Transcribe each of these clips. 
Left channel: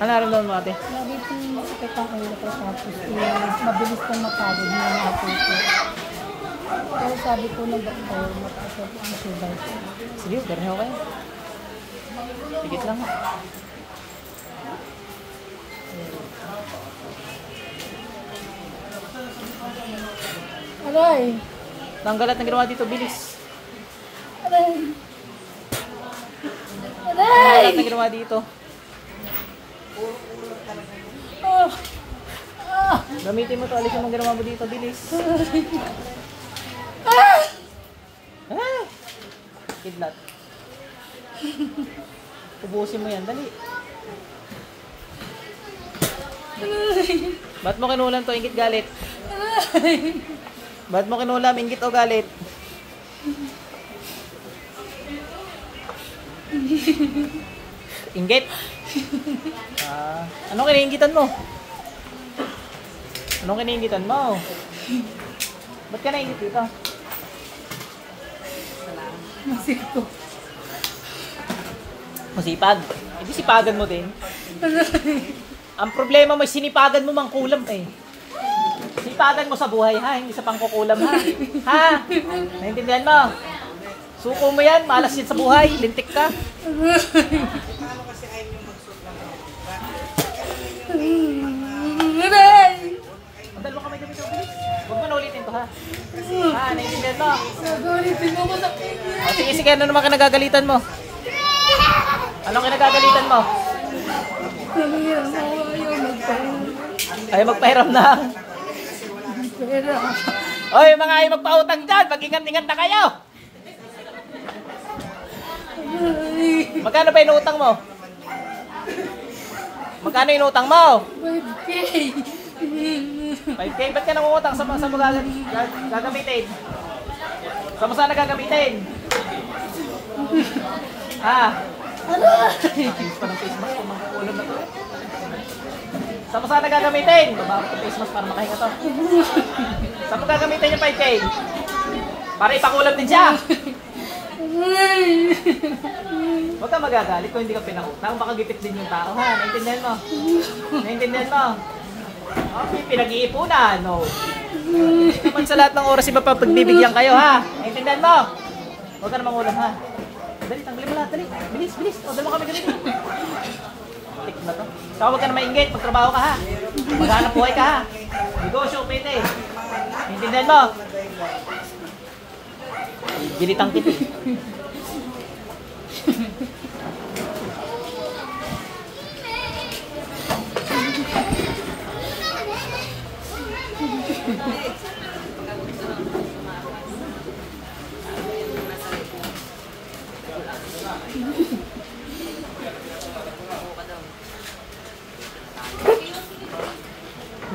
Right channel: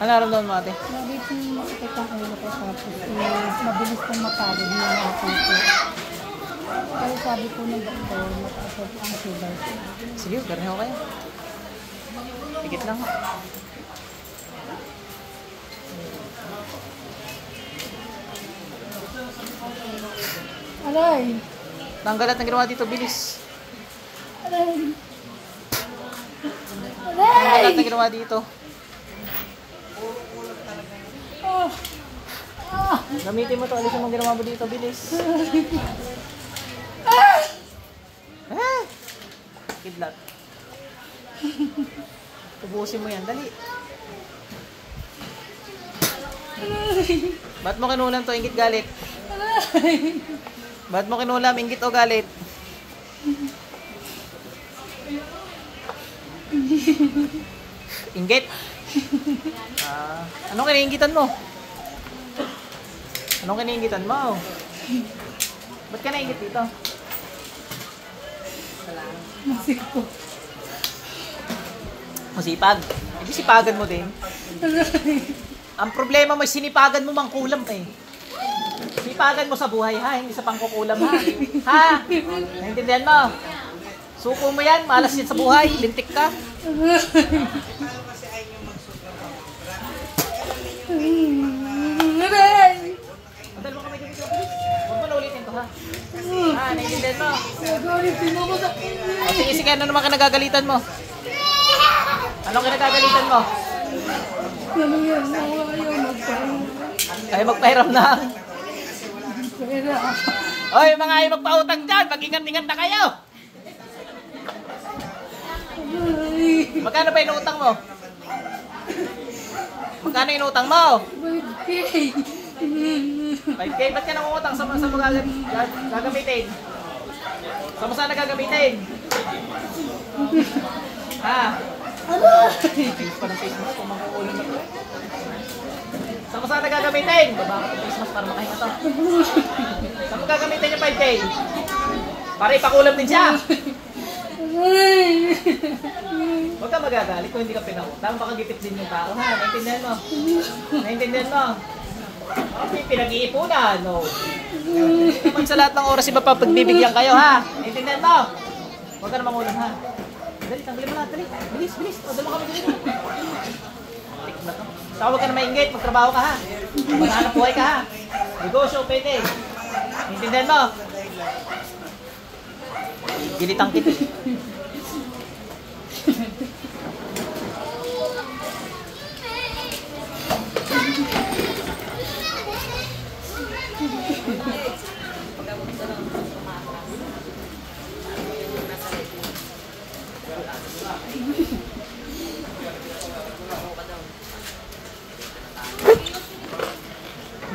Ano nararamdaman mo ate? Lagi pong masakit ang ulo ko tapos mabilis pong mapagod na mga puso. Pero sabi ko ng doktor, mataas ang sugar ko. Sige, gano'n okay. Higit lang. Aray! Tanggalat na ginawa dito, bilis. Aray! Tanggalat na ginawa dito. Gamitin mo to, alisin mo ang ginawa mo dito, bilis. Kidlat. Ubusin mo yan, dali. Ba't mo kinulam to, inggit galit? Ba't mo kinulam, inggit o galit? Inggit? Anong kiniinggitan mo? Anong kiniinggitan mo? Ba't ka nainggit dito? Masipag. Masipag. Hindi sipagan mo din. Ang problema mo, sinipagan mo mang kulam eh. Sipagan mo sa buhay ha, hindi sa pangkukulam ha. Ha? Naintindihan mo? Suko mo yan, malas din sa buhay, lintik ka. Madal mo kami dito. Huwag mo na ulitin ko ha. Ha, naintindihan mo? Nagalitin mo sa kanya. O sige, sige, ano naman kinagagalitan mo? Anong kinagagalitan mo? Ayaw magpahiram. Ay, magpahiram na. Pera. Oy, mga ay magpautang dyan, mag-ingat-ingat na kayo. Magkano ba inuutang mo? Magkano inuutang mo? 5K. 5K, ba't ka nangungutang? Sa mo gagamitin? Sa mo sana gagamitin? Ha? Ayos pa ng face mask kung mag-uulan na to. Sa mo sana gagamitin? Baba ko ng face mask para makahinga to. Sa mo gagamitin yung 5K? Para ipakulam din siya. Huwag ka magagalit kung hindi ka pinangutang. Baka gipit din yung tao ha. Naintindihan mo? Naintindihan mo? Okay, pinag-iipunan. No. Pag sa lahat ng oras iba pa pagbibigyan kayo ha. Naintindihan mo? Huwag ka na mangulam ha. Dali, tanggalin mo lahat. Dali. Bilis, bilis. O, dali mo kami dali. Tik na to. Saka huwag ka na maingit. Magtrabaho ka ha. Maghanap buhay ka ha. Negosyo, pwede. Naintindihan mo? Gilitang tip.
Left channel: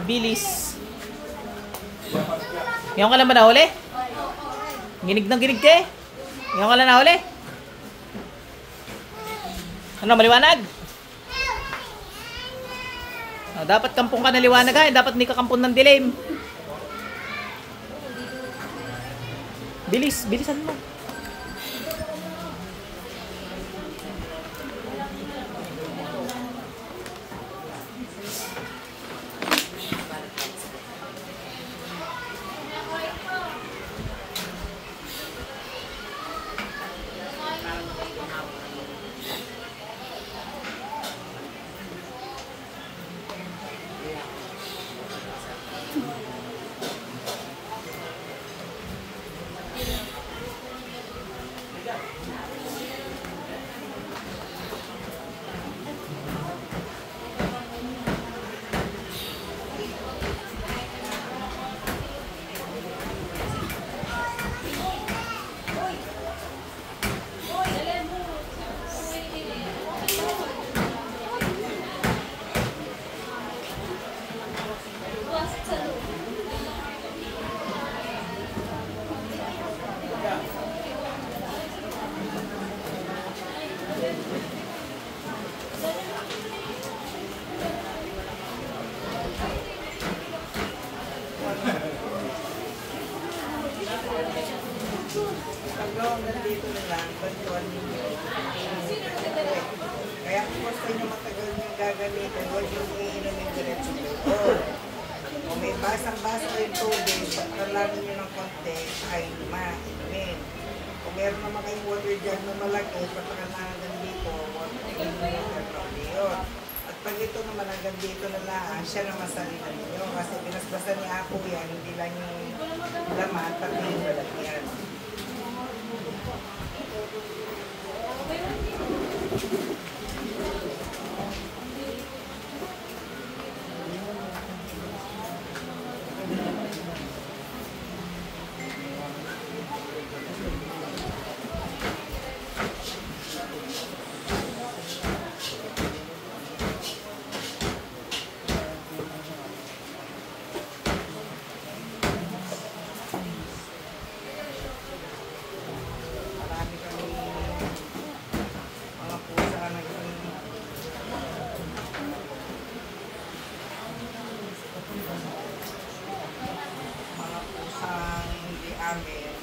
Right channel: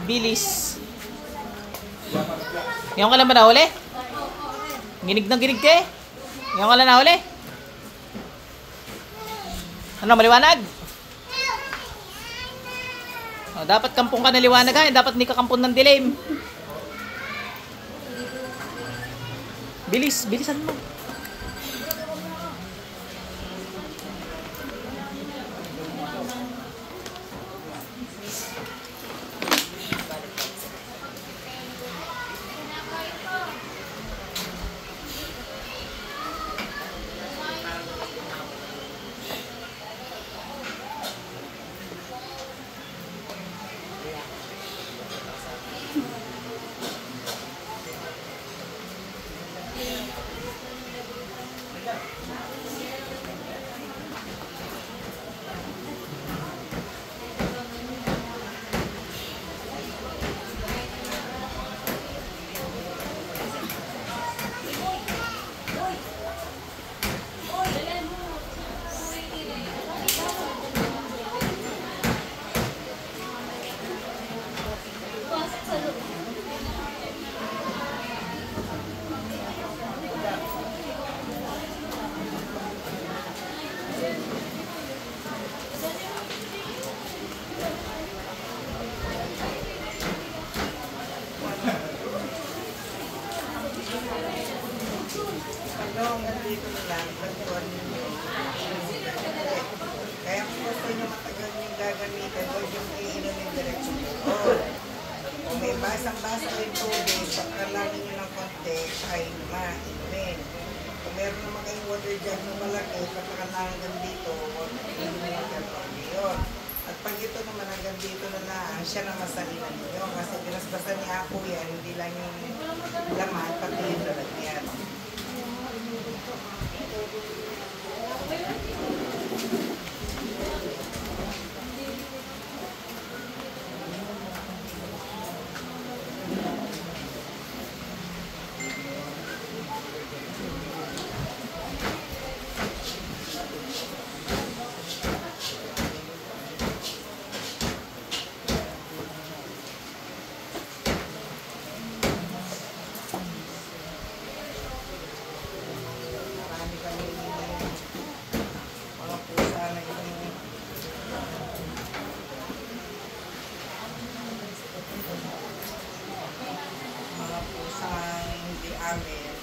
Bilis. Ngayon ka lang ba nahuli? Ginig ng ginig ka eh. Ngayon ka lang nahuli? Ano, maliwanag? Dapat kampong ka na liwanag ha. Dapat hindi ka kampong ng dilim. Bilis, bilisan mo. gagamitin, huwag yung iinumin diretso doon. Kung may basang-basa o yung tubig, pagkalagin nyo ng konti, ay inumin. Kung meron naman kayong water jug na malaki, pagkakananggang dito, inumin yung yun. At pag ito naman hanggang dito na lang, siya naman sa ilan nyo. Kasi binasbasan ni Apo yan, hindi lang yung laman, pati yung lalagyan.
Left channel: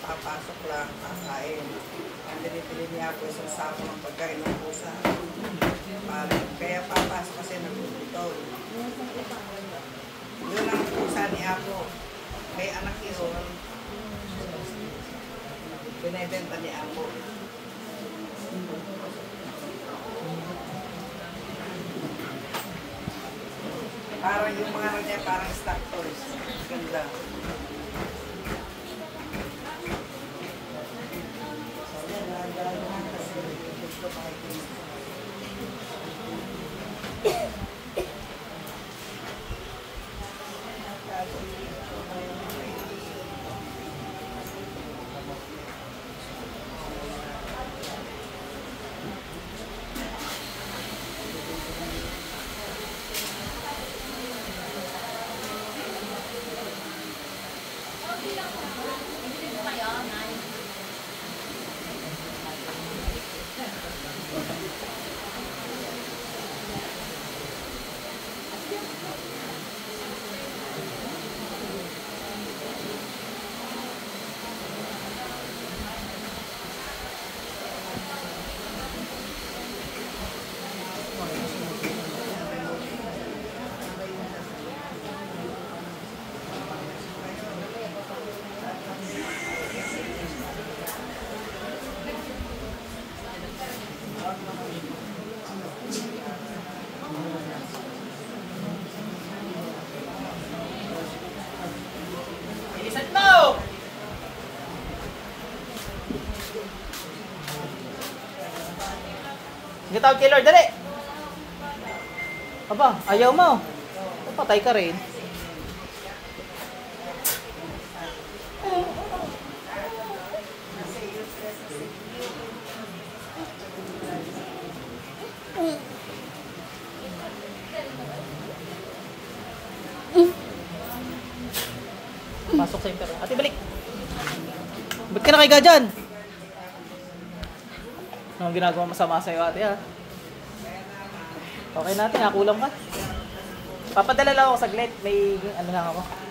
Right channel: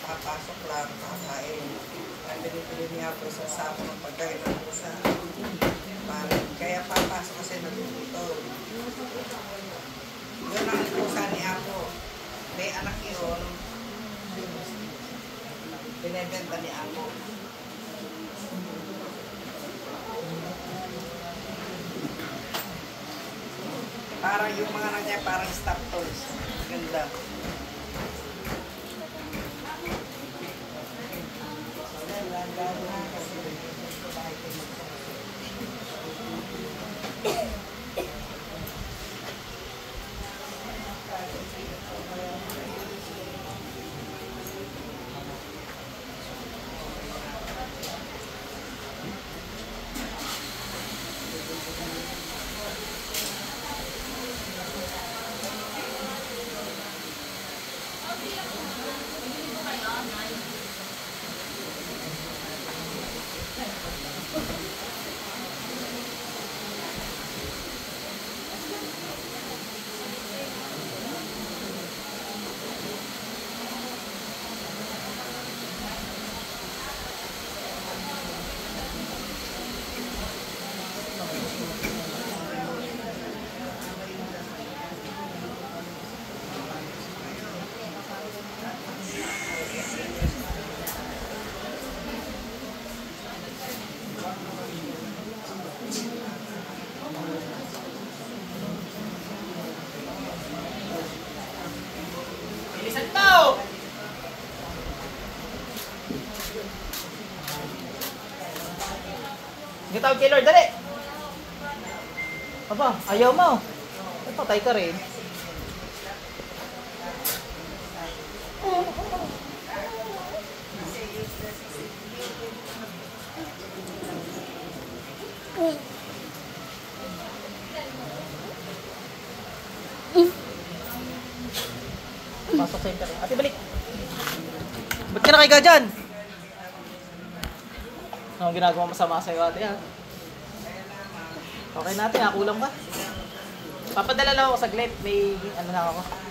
Papasok lang, kakain. Ang binibili niya po sa sako ng pagkain ng pusa. Kaya papasok kasi nagpuputol. Yun ang pusa ni Apo. May anak yun. Binibenta ni Apo. Parang yung mga anak niya, parang stock toys. Ganda. Tawag kay Lord, dali! Aba, ayaw mo. Patay ka rin. Pasok sa'yo ka rin. Ate, balik! Ba't ka nakaiga dyan? Anong ginagawa masama sa'yo, ate, ha? Okay natin, ha? Kulang ka. Papadala lang ako saglit. May ano na ako.